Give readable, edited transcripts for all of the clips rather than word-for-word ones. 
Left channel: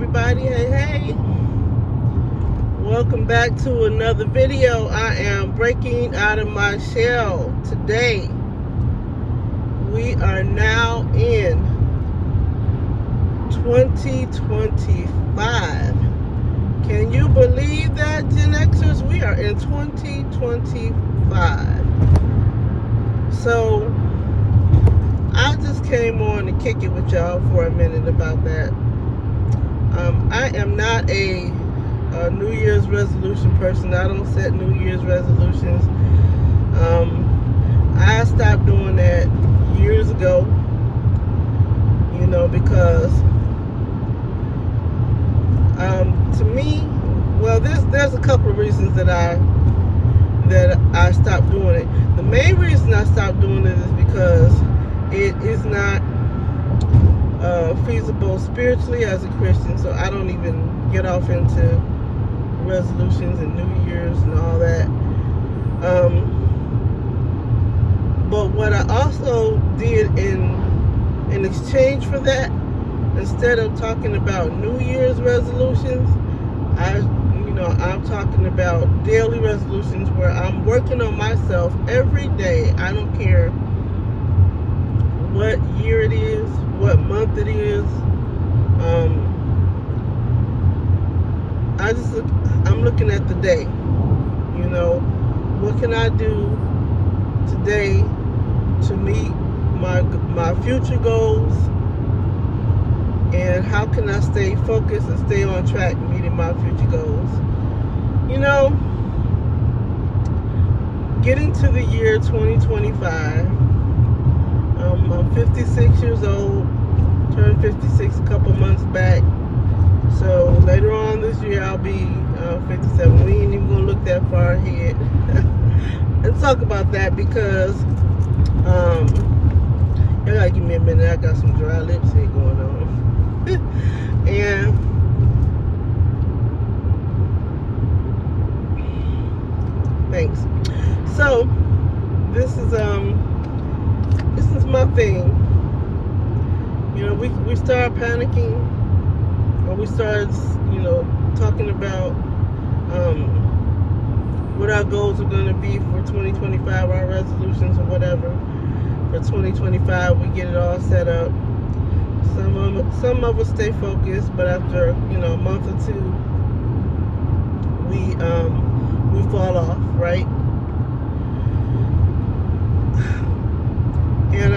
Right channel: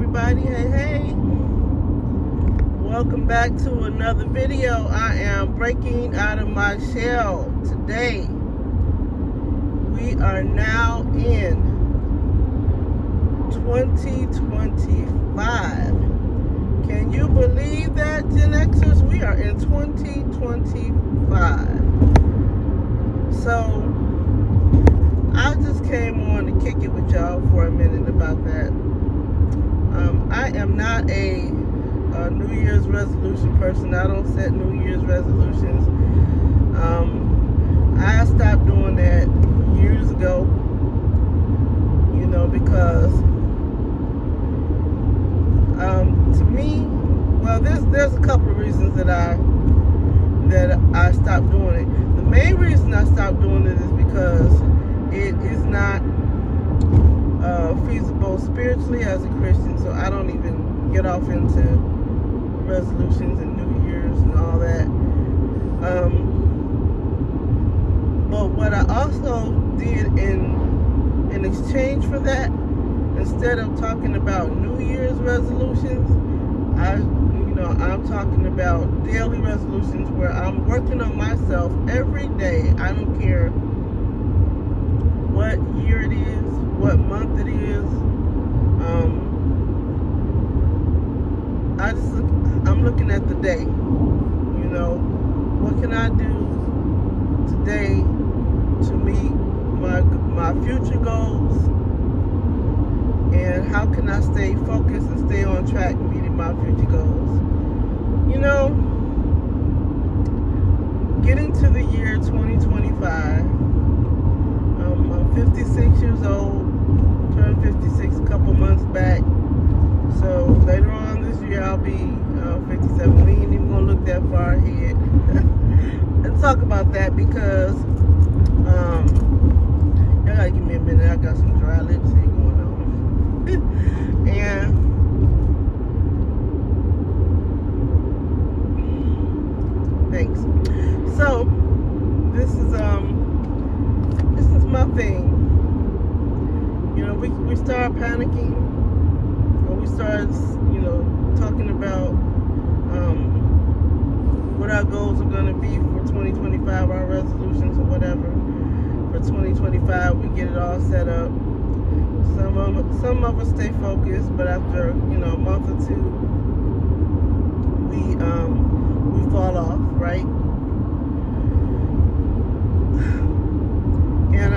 everybody. Hey, welcome back to another video. I am breaking out of my shell today. We are now in 2025. Can you believe that, Gen Xers? We are in 2025. So I just came on to kick it with y'all for a minute about that. I am not a New Year's resolution person. I don't set New Year's resolutions. I stopped doing that years ago, because to me, well, there's a couple of reasons that I stopped doing it. The main reason I stopped doing it is because it is not feasible spiritually as a Christian, so I don't even get off into resolutions and New Year's and all that. But what I also did in exchange for that, instead of talking about New Year's resolutions, I'm talking about daily resolutions where I'm working on myself every day. I don't care what year it is, what month it is. I'm looking at the day. What can I do today to meet my future goals, and how can I stay focused and stay on track meeting my future goals? Getting to the year 2025. I'm 56 years old, turned 56 a couple months back. So later on this year, I'll be 57. We ain't even gonna look that far ahead and talk about that because y'all gotta give me a minute. I got some dry lips here going on. And thanks. So this is my thing. We started panicking, or we started, talking about what our goals are going to be for 2025, our resolutions or whatever. For 2025, we get it all set up. Some of us stay focused, but after a month or two, we fall off, right? And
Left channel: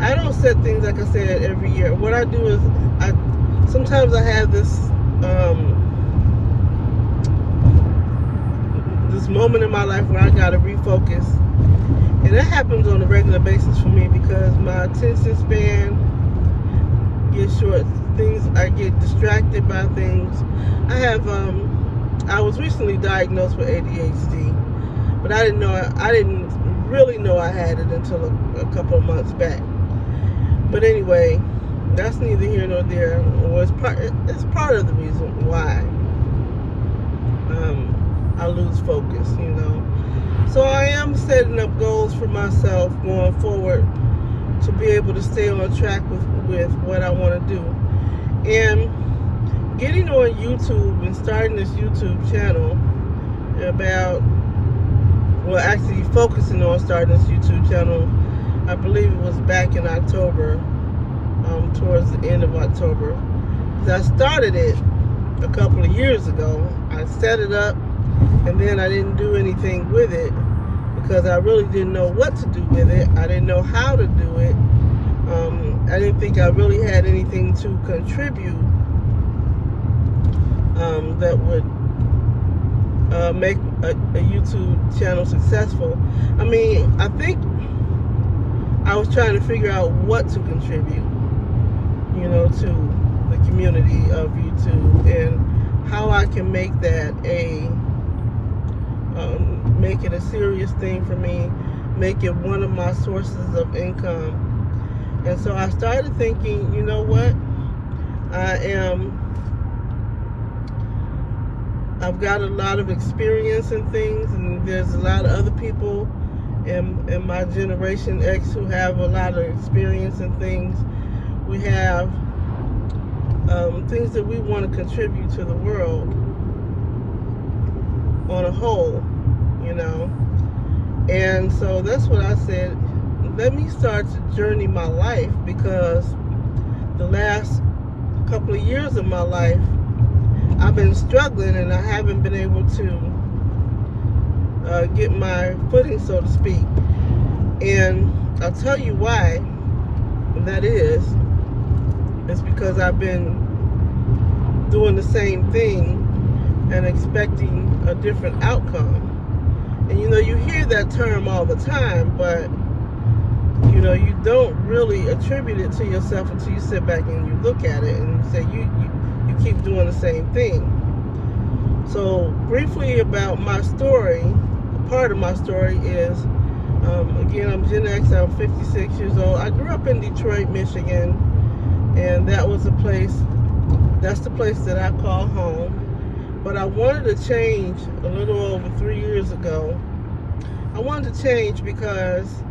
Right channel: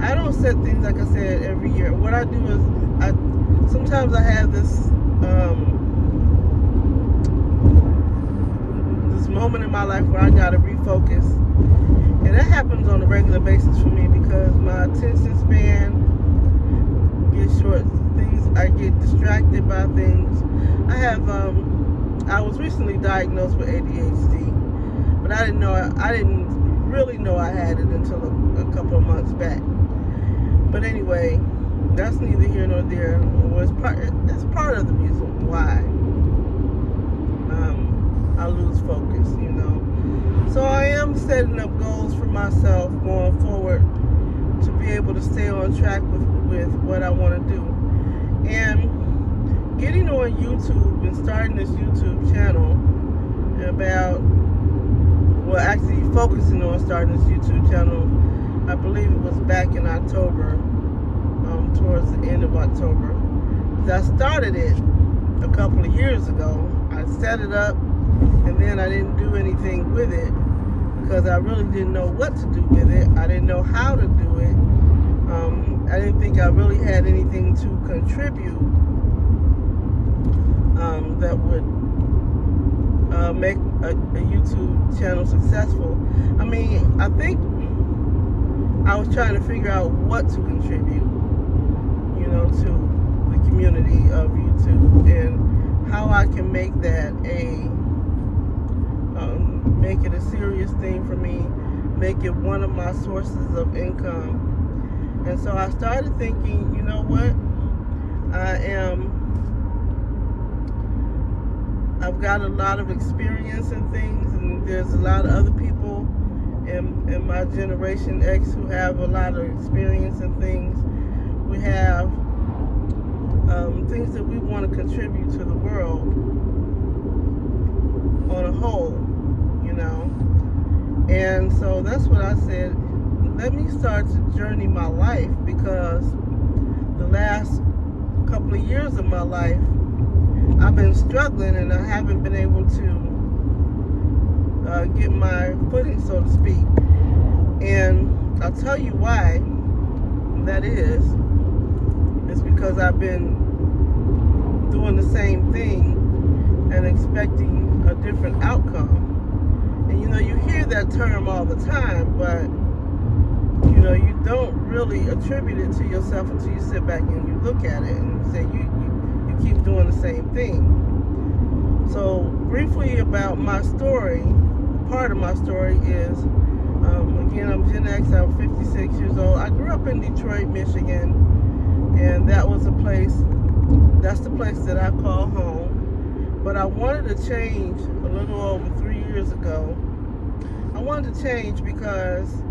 I don't set things, like I said, every year. What I do is sometimes I have this moment in my life where I gotta refocus, and that happens on a regular basis for me because my attention span gets short. I get distracted by things. I was recently diagnosed with ADHD, but I didn't really know I had it until a couple of months back. But anyway, that's neither here nor there. It's part of the reason why I lose focus, So I am setting up goals for myself going forward to be able to stay on track with what I want to do. And getting on YouTube and starting this YouTube channel actually focusing on starting this YouTube channel, I believe it was back in October, towards the end of October. I started it a couple of years ago. I set it up, and then I didn't do anything with it because I really didn't know what to do with it. I didn't know how to do it. I didn't think I really had anything to contribute that would make a YouTube channel successful. I think I was trying to figure out what to contribute, to the community of YouTube, and how I can make that make it a serious thing for me, make it one of my sources of income. And so I started thinking, you know what? I've got a lot of experience in things, and there's a lot of other people in my generation X who have a lot of experience in things. We have things that we want to contribute to the world on a whole, you know. And so that's what I said. Let me start to journey my life, because the last couple of years of my life, I've been struggling and I haven't been able to get my footing, so to speak. And I'll tell you why that is. It's because I've been doing the same thing and expecting a different outcome. And you know, you hear that term all the time, but you know, you don't really attribute it to yourself until you sit back and you look at it and you say you keep doing the same thing. So briefly about my story, part of my story is, again, I'm Gen X, I'm 56 years old. I grew up in Detroit, Michigan, and that's the place that I call home. But I wanted to change a little over 3 years ago. I wanted to change because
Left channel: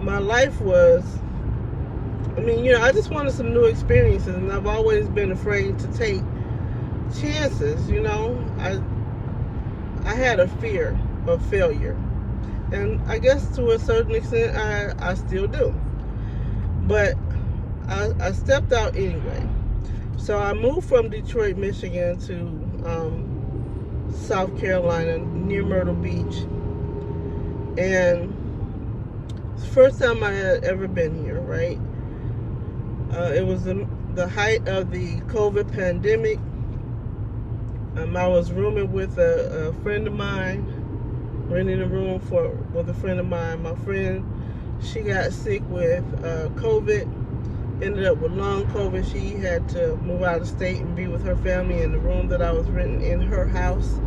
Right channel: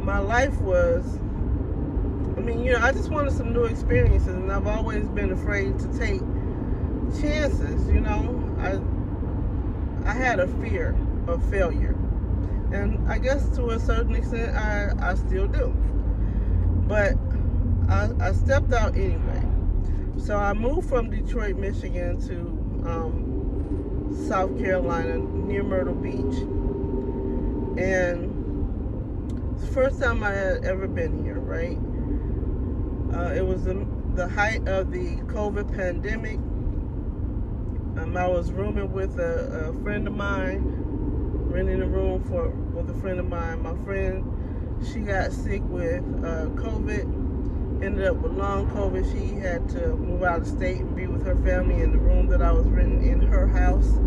my life was, I just wanted some new experiences, and I've always been afraid to take chances, you know. I had a fear of failure, and I guess to a certain extent I still do, but I stepped out anyway. So I moved from Detroit, Michigan to South Carolina, near Myrtle Beach, and it's the first time I had ever been here, right? It was the height of the COVID pandemic. I was rooming with a friend of mine, renting a room with a friend of mine. My friend, she got sick with COVID, ended up with long COVID. She had to move out of state and be with her family in the room that I was renting in her house.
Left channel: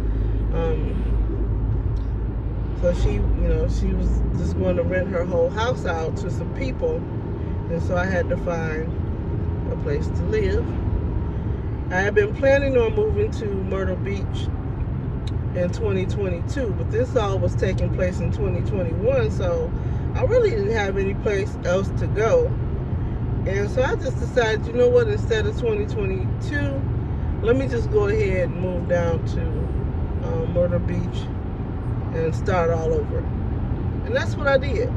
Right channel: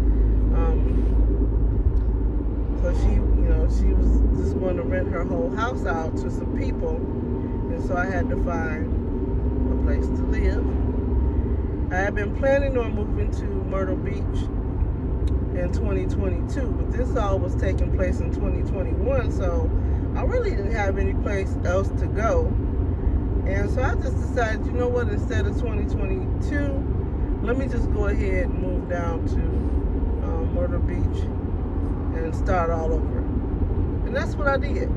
So she was just going to rent her whole house out to some people, and so I had to find a place to live. I had been planning on moving to Myrtle Beach in 2022, but this all was taking place in 2021, so I really didn't have any place else to go. And so I just decided, you know what, instead of 2022, let me just go ahead and move down to Myrtle Beach and start all over. And that's what I did.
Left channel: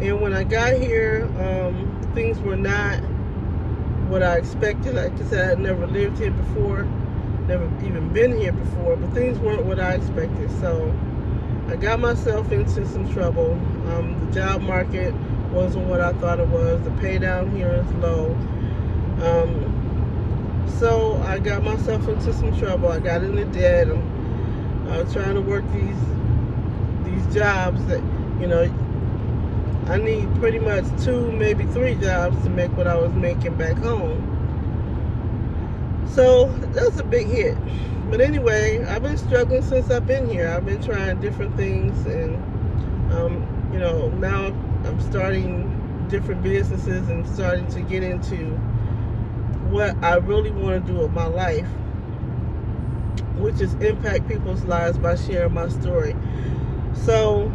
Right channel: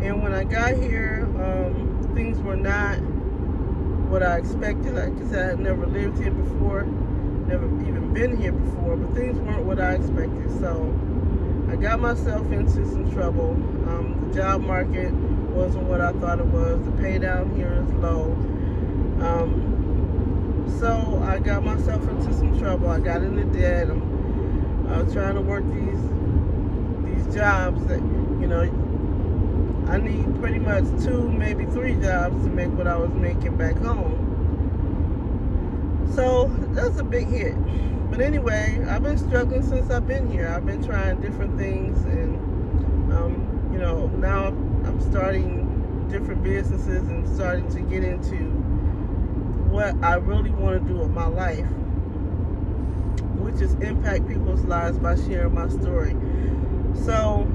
And when I got here, things were not what I expected. Like I said, I had never lived here before, never even been here before, but things weren't what I expected. So I got myself into some trouble. The job market wasn't what I thought it was. The pay down here is low. So I got myself into some trouble. I got into debt. I'm trying to work these jobs that, you know, I need pretty much 2, maybe 3 jobs to make what I was making back home. So that's a big hit. But anyway, I've been struggling since I've been here. I've been trying different things, and you know, now I'm starting different businesses and starting to get into what I really want to do with my life, which is impact people's lives by sharing my story. So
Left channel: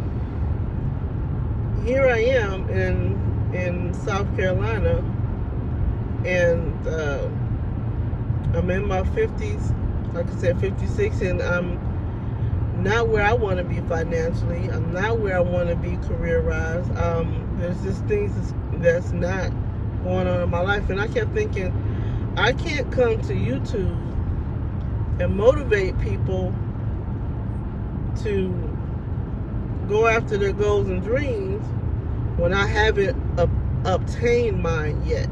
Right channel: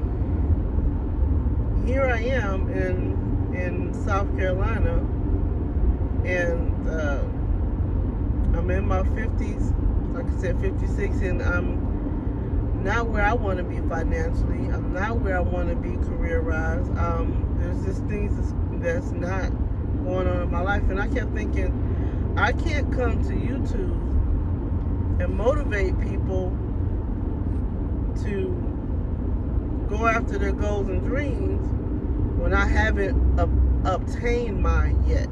here I am in South Carolina, and I'm in my 50s, like I said, 56, and I'm not where I want to be financially. I'm not where I want to be career-wise. There's just things that's not going on in my life, and I kept thinking, I can't come to YouTube and motivate people to go after their goals and dreams when I haven't obtained mine yet.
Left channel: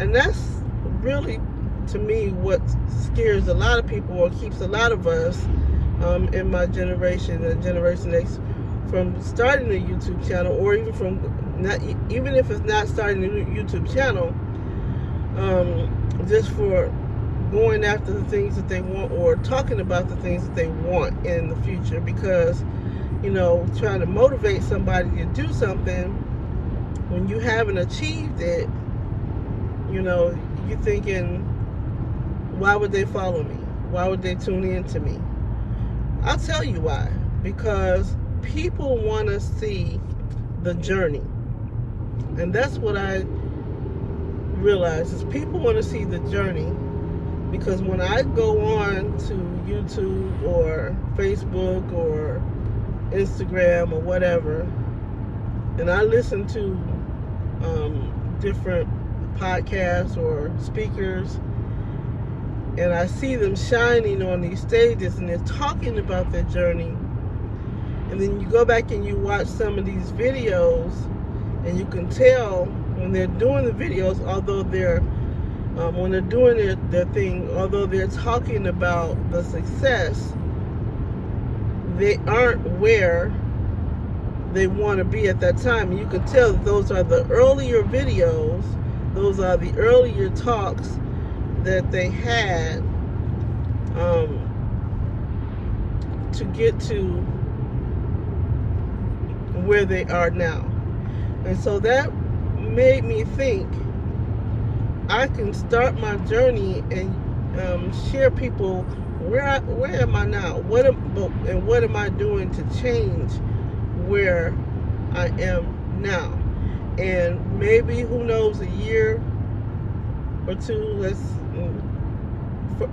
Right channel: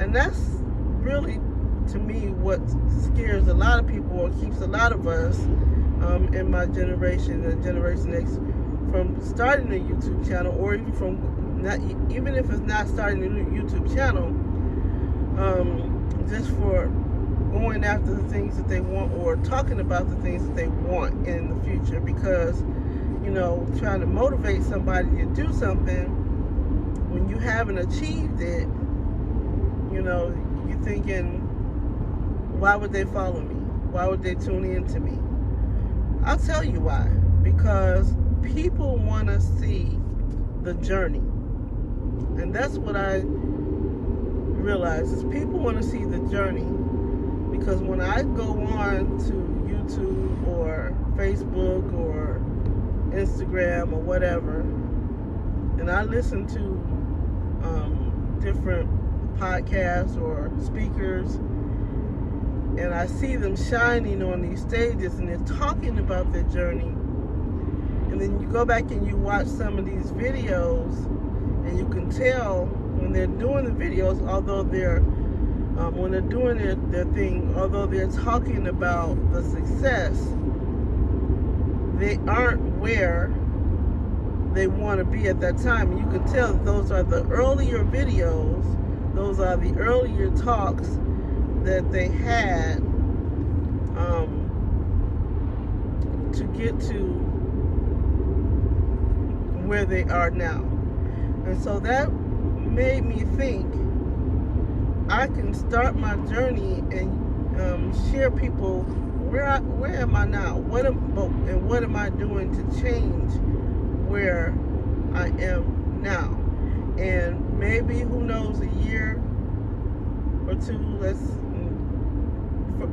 And that's really, to me, what scares a lot of people, or keeps a lot of us in my generation, the Generation X, from starting a YouTube channel, or even even if it's not starting a YouTube channel, just for going after the things that they want, or talking about the things that they want in the future. Because, you know, trying to motivate somebody to do something when you haven't achieved it, you know, you're thinking, why would they follow me? Why would they tune in to me? I'll tell you why. Because people want to see the journey. And that's what I realize is people want to see the journey. Because when I go on to YouTube or Facebook or Instagram or whatever, and I listen to different podcasts or speakers, and I see them shining on these stages and they're talking about their journey, and then you go back and you watch some of these videos, and you can tell when they're doing the videos, although they're when they're doing their thing, although they're talking about the success, they aren't where they want to be at that time. You can tell that those are the earlier videos, those are the earlier talks that they had to get to where they are now. And so that made me think I can start my journey and share people where am I now? What am I doing to change where I am now? And maybe, who knows, a year or two,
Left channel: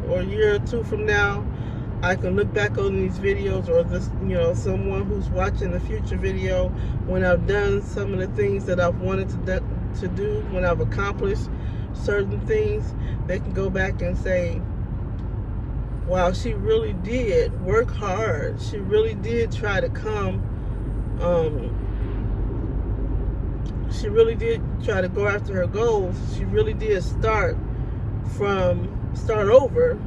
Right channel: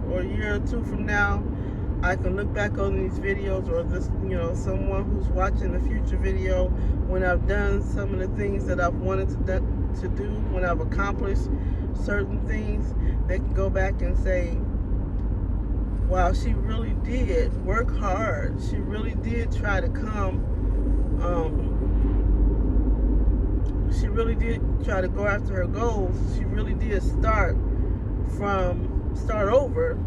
or a year or two from now, I can look back on these videos, or this, someone who's watching the future video, when I've done some of the things that I've wanted to do, when I've accomplished certain things, they can go back and say, wow, she really did work hard. She really did try to come. She really did try to go after her goals. She really did start over,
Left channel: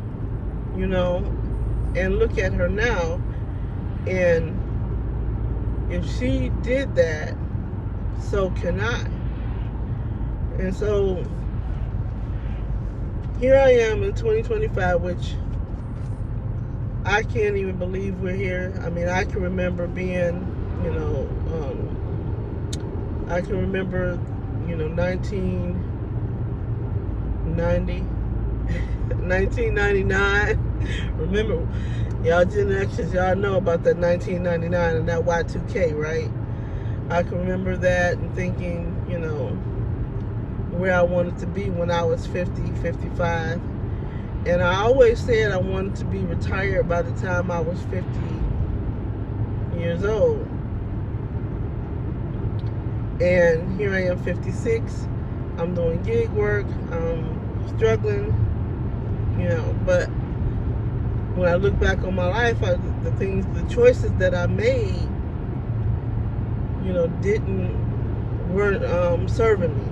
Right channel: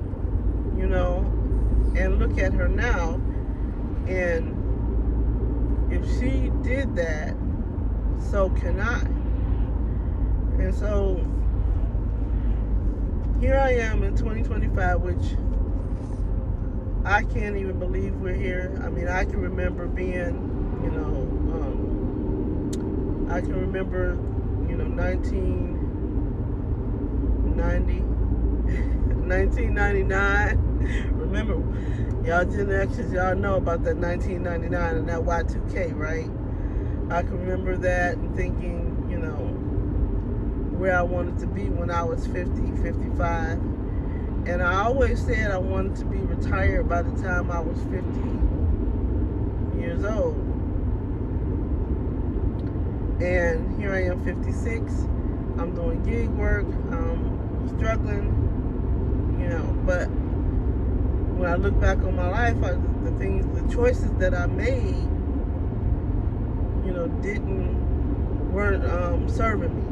and look at her now. And if she did that, so can I. And so here I am in 2025, which I can't even believe we're here. I mean, I can remember being, I can remember, 1999. Remember, y'all Gen Xers, y'all know about that 1999 and that Y2K, right? I can remember that and thinking, where I wanted to be when I was 50, 55. And I always said I wanted to be retired by the time I was 50 years old. And here I am, 56. I'm doing gig work. I'm struggling, but when I look back on my life, the choices that I made, weren't serving me.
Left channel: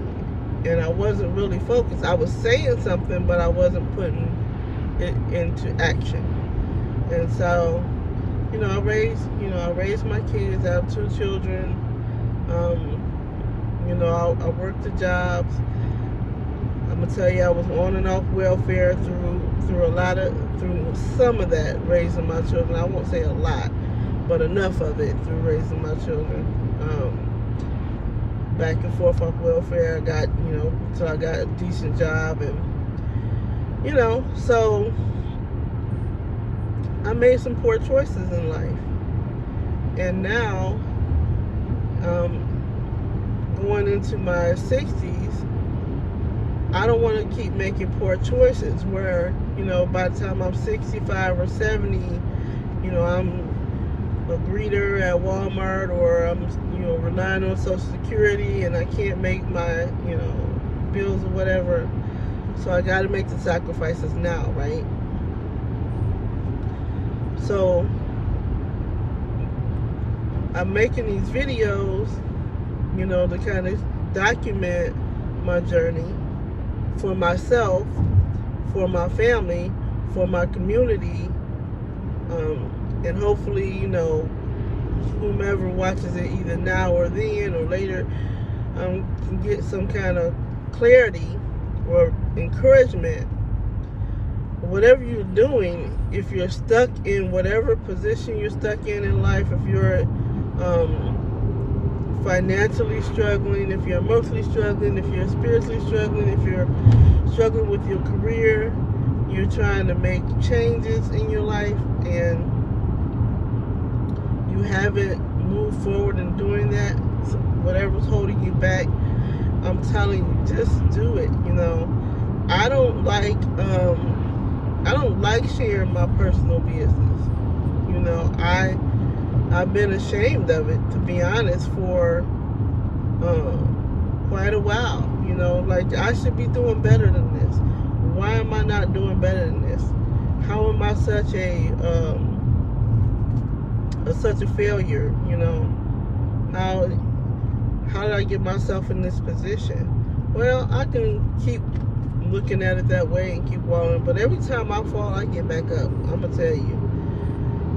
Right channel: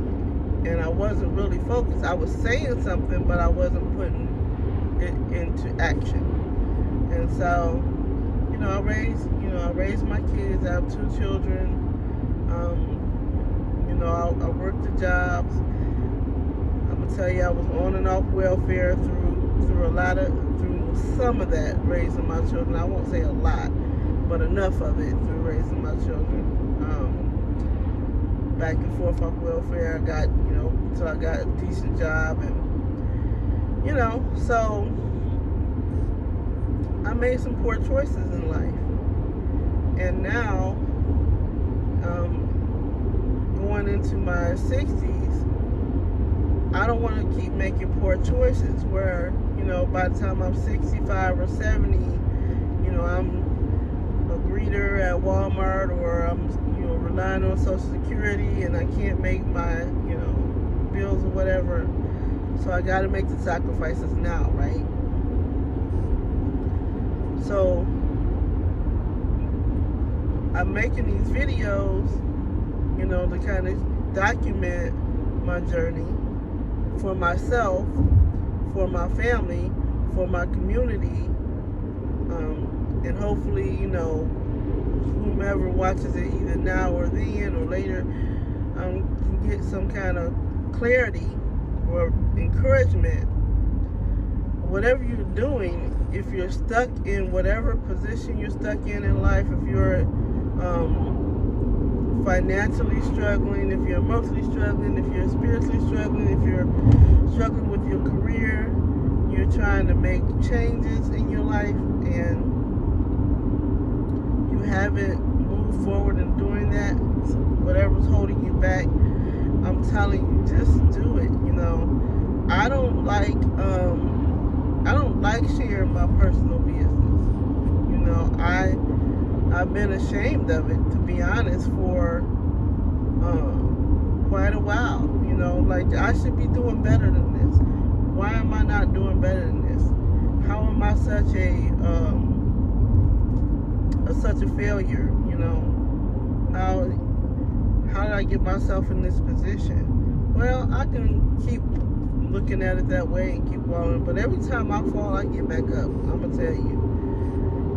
And I wasn't really focused. I was saying something, but I wasn't putting it into action. And so, I raised my kids. I have 2 children. I worked the jobs. I'm gonna tell you, I was on and off welfare through some of that, raising my children. I won't say a lot, but enough of it through raising my children. Back and forth off welfare. I got, till I got a decent job, and so I made some poor choices in life. And now, going into my 60s, I don't want to keep making poor choices where, by the time I'm 65 or 70, I'm a greeter at Walmart, or I'm, relying on Social Security, and I can't make my, bills or whatever. So I got to make the sacrifices now, right? So I'm making these videos, to kind of document my journey for myself, for my family, for my community, and hopefully, whomever watches it either now or then or later can get some kind of clarity or encouragement. Whatever you're doing, if you're stuck in whatever position you're stuck in life, if you're financially struggling, if you're emotionally struggling, if you're spiritually struggling, if you're struggling with your career, you're trying to make changes in your life, and you haven't moved forward in doing that, so whatever's holding you back, I I'm telling you, just do it. You know, I don't like sharing my personal business. You know, I've been ashamed of it, to be honest, for quite a while. You know, like, I should be doing better than this. Why am I not doing better than this? How am I such a failure? You know, how did I get myself in this position? Well, I can keep looking at it that way and keep going, but every time I fall, I get back up. I'm gonna tell you,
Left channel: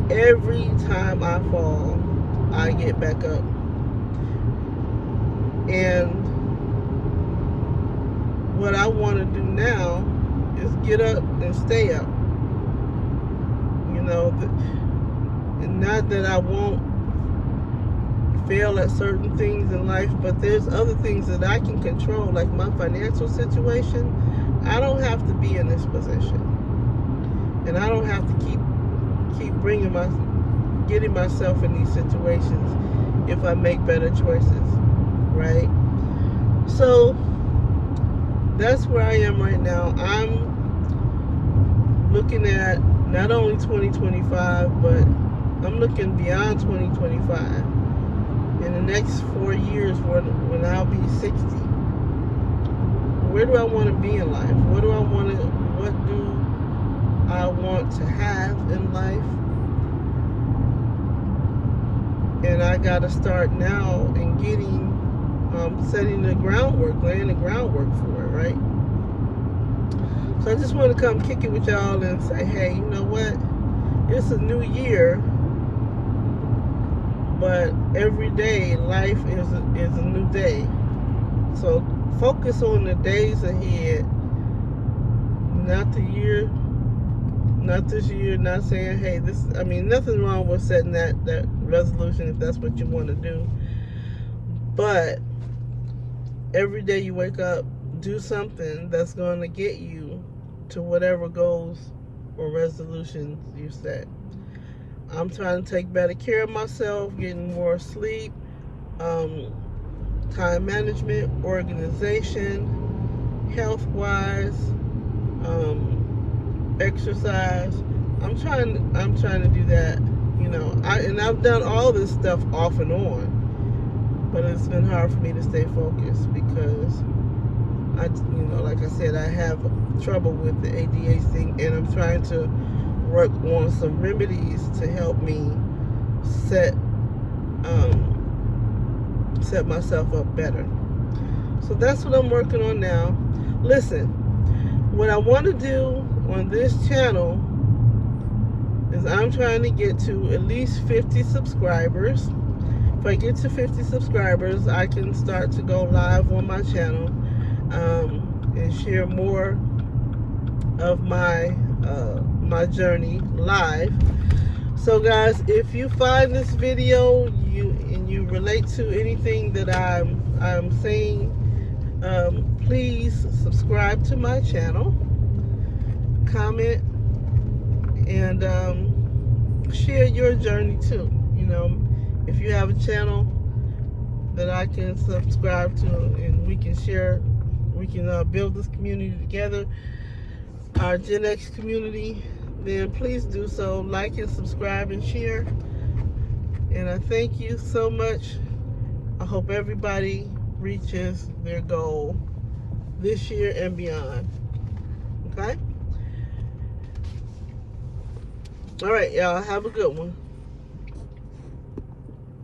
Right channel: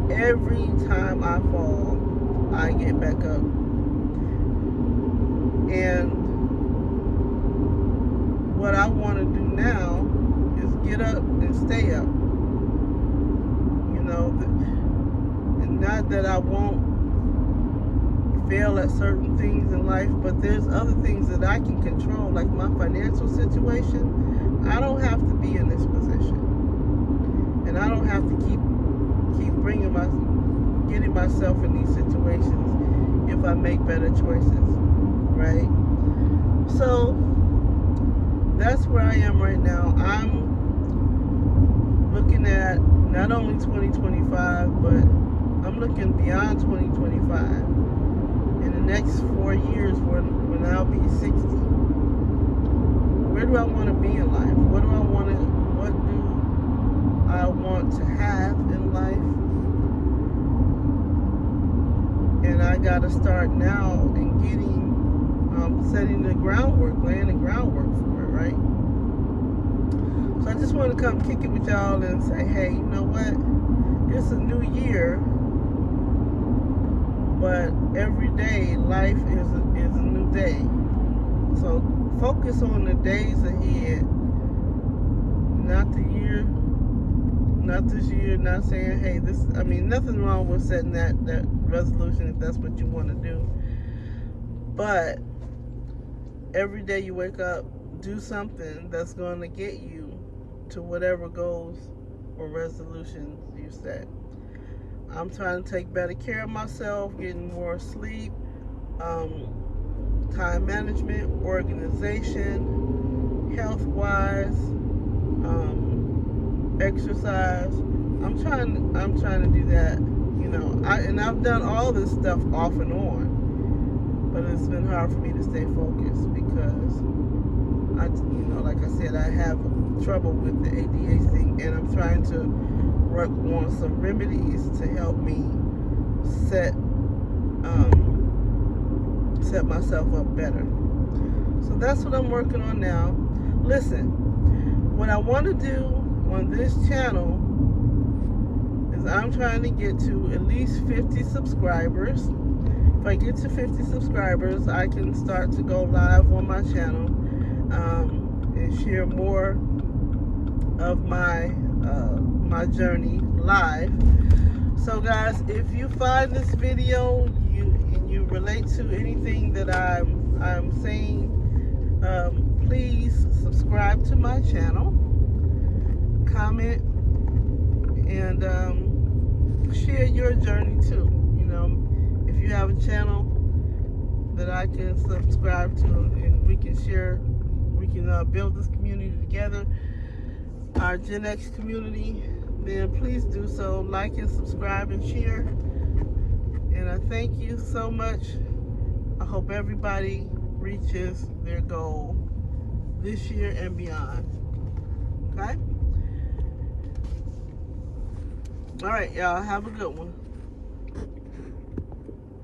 every time I fall, I get back up. And what I want to do now is get up and stay up. You know, and not that I won't fail at certain things in life, but there's other things that I can control, like my financial situation. I don't have to be in this position, and I don't have to keep getting myself in these situations if I make better choices, right? So that's where I am right now. I'm looking at not only 2025, but I'm looking beyond 2025. In the next 4 years, when I'll be 60, where do I want to be in life? What do I want to have in life? And I got to start now in getting, setting the groundwork, laying the groundwork for it, right? So I just want to come kick it with y'all and say, hey, you know what? It's a new year, but every day life is a new day. So focus on the days ahead, not the year, not this year. Not saying, hey, nothing wrong with setting that resolution if that's what you want to do. But every day you wake up, do something that's going to get you to whatever goals or resolutions you set. I'm trying to take better care of myself, getting more sleep, time management, organization, health-wise, exercise. I'm trying to do that. You know, I've done all this stuff off and on, but it's been hard for me to stay focused because like I said, I have trouble with the ADHD, and I'm trying to work on some remedies to help me set myself up better. So that's what I'm working on now. Listen, what I want to do on this channel is I'm trying to get to at least 50 subscribers. If I get to 50 subscribers, I can start to go live on my channel and share more of my journey live. So guys, if you find this video and you relate to anything that I'm saying, please subscribe to my channel, comment, and share your journey too. You know, if you have a channel that I can subscribe to and we can share, we can build this community together, our Gen X community, then please do so. Like and subscribe and share. And I thank you so much. I hope everybody reaches their goal this year and beyond. Okay? All right, y'all. Have a good one.